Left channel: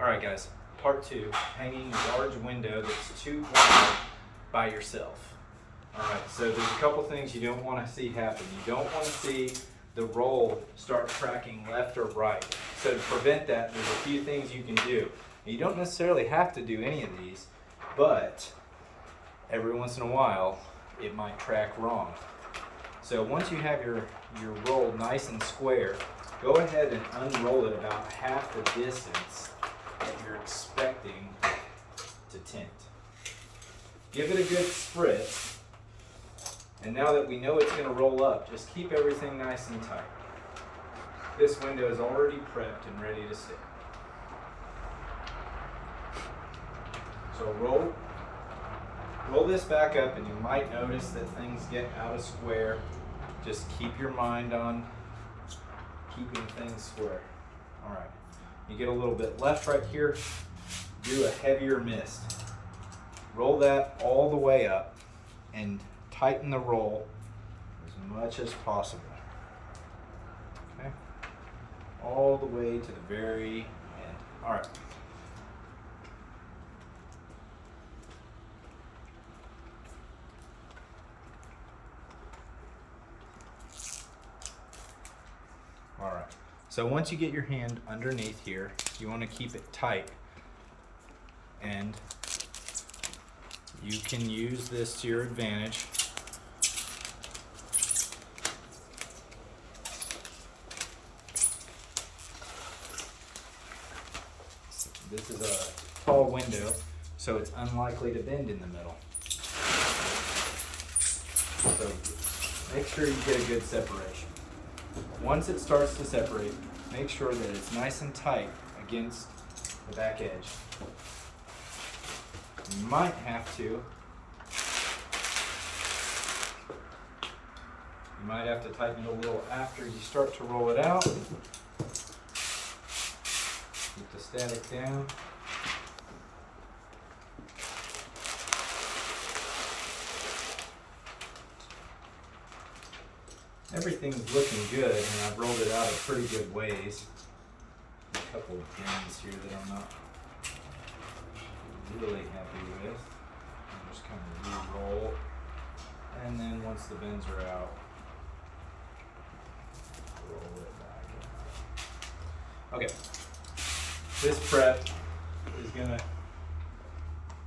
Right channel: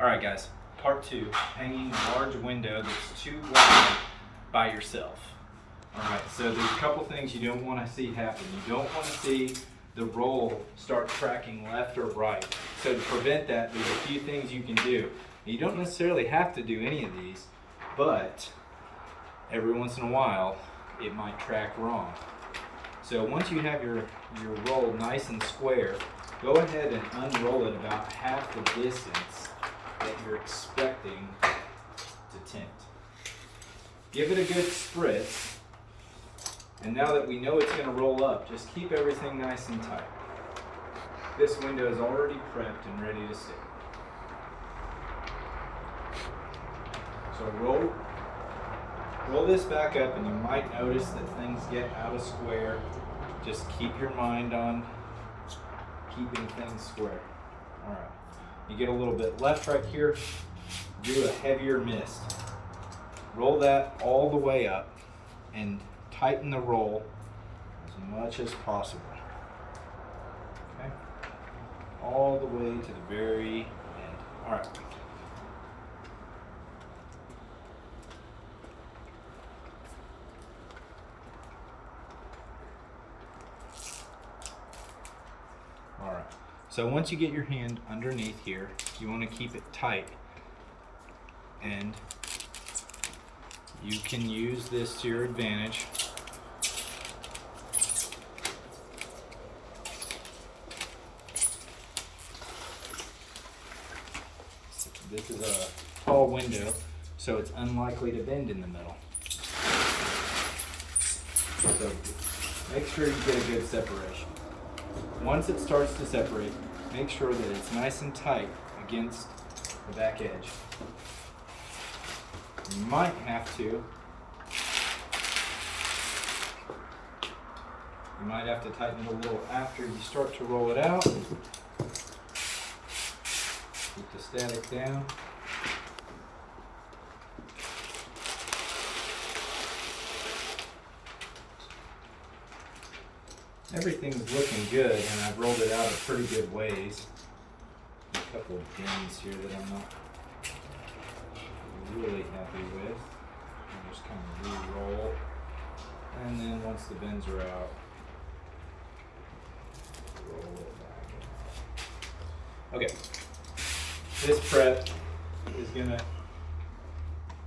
All right, guys. Part 2, hanging a large window that's too wide by yourself. All right, so there's a couple things you don't want to see happen. You don't want to see the roll start tracking left or right. So to prevent that, there's a few things you can do. You don't necessarily have to do any of these, but every once in a while, it might track wrong. So once you have your roll nice and square, go ahead and unroll it about half the distance that you're expecting to tint. Give it a good spritz, and now that we know it's going to roll up, just keep everything nice and tight. This window is already prepped and ready to sit. So roll this back up, and you might notice that things get out of square. Just keep your mind on keeping things square. All right. You get a little bit left right here, do a heavier mist. Roll that all the way up and tighten the roll as much as possible. Okay? All the way to the very end. All right. All right. So once you get your hand underneath here, you want to keep it tight, and you can use this to your advantage. This is a tall window, so it's unlikely to bend in the middle. So make sure you get a good separation. Once it starts to separate, make sure that it's nice and tight against the back edge. You might have to tighten it a little after you start to roll it out. Keep the static down. Everything's looking good, and I've rolled it out a pretty good ways. A couple of bends here that I'm not really happy with. I'm just kind of re-roll it. And then once the bends are out, roll it back. Okay. This prep is going to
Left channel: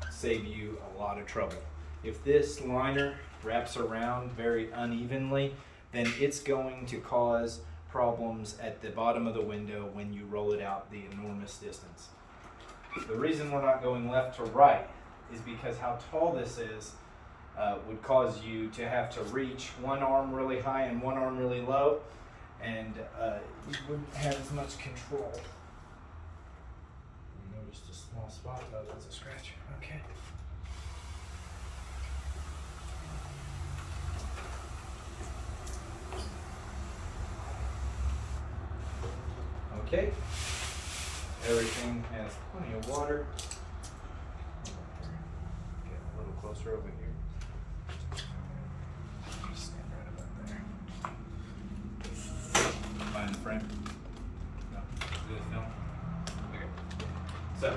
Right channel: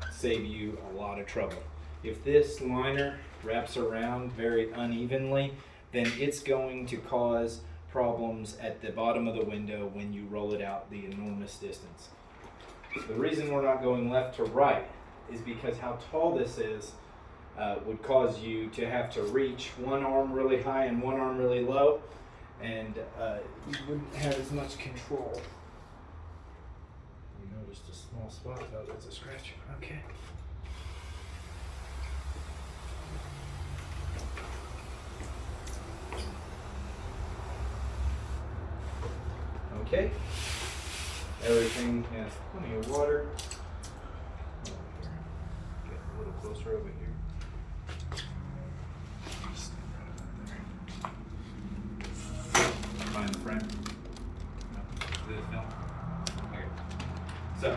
save you a lot of trouble. If this liner wraps around very unevenly, then it's going to cause problems at the bottom of the window when you roll it out the enormous distance. The reason we're not going left to right is because how tall this is would cause you to have to reach one arm really high and one arm really low, and you wouldn't have as much control. You noticed a small spot though, that's a scratch. Okay. Okay, everything has plenty of water. Get a little closer over here. Mind the frame? No, the film. Okay. So, go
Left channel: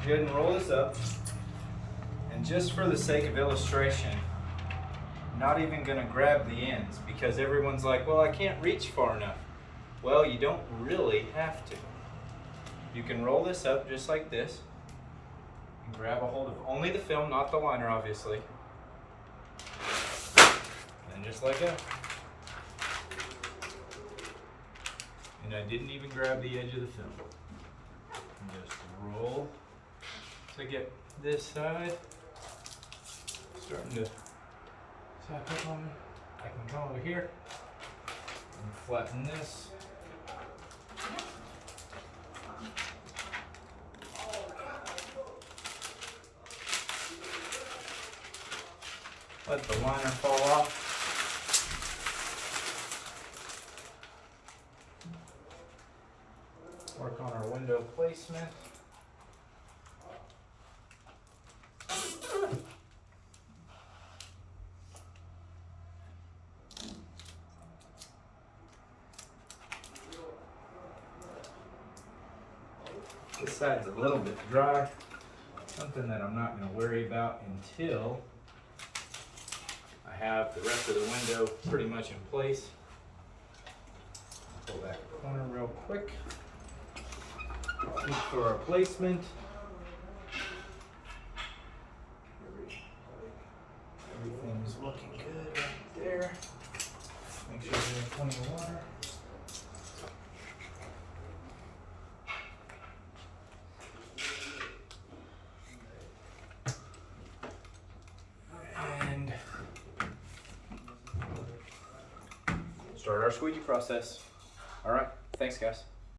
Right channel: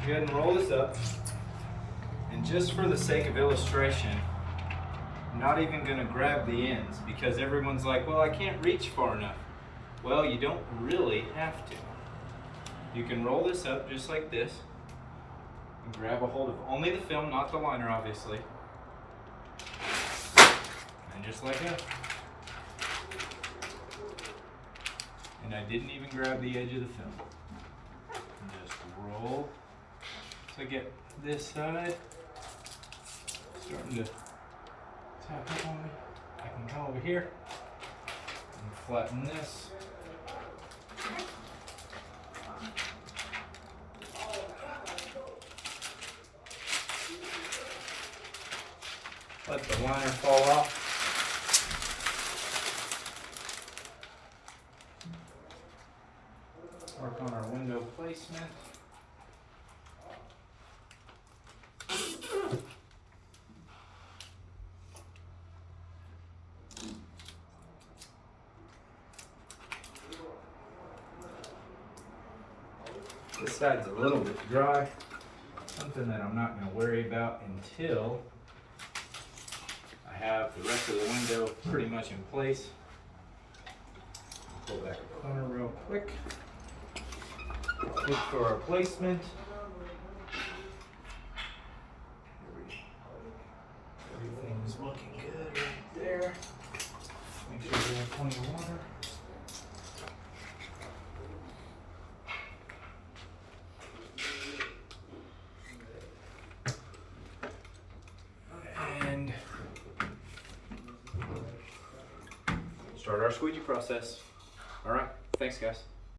ahead and roll this up. And just for the sake of illustration, I'm not even going to grab the ends, because everyone's like, well, I can't reach far enough. Well, you don't really have to. You can roll this up just like this and grab a hold of only the film, not the liner, obviously. And just like that. And I didn't even grab the edge of the film. And just roll to get this side starting to tap up on me. I can come over here and flatten this. Let the liner fall off. Work on our window placement. This side's a little bit dry. Something that I'm not going to worry about until I have the rest of the window pretty much in place. Pull back a corner real quick. Look for our placement. Everything's looking good right there. Make sure we have plenty of water. And start our squeegee process. All right, thanks guys.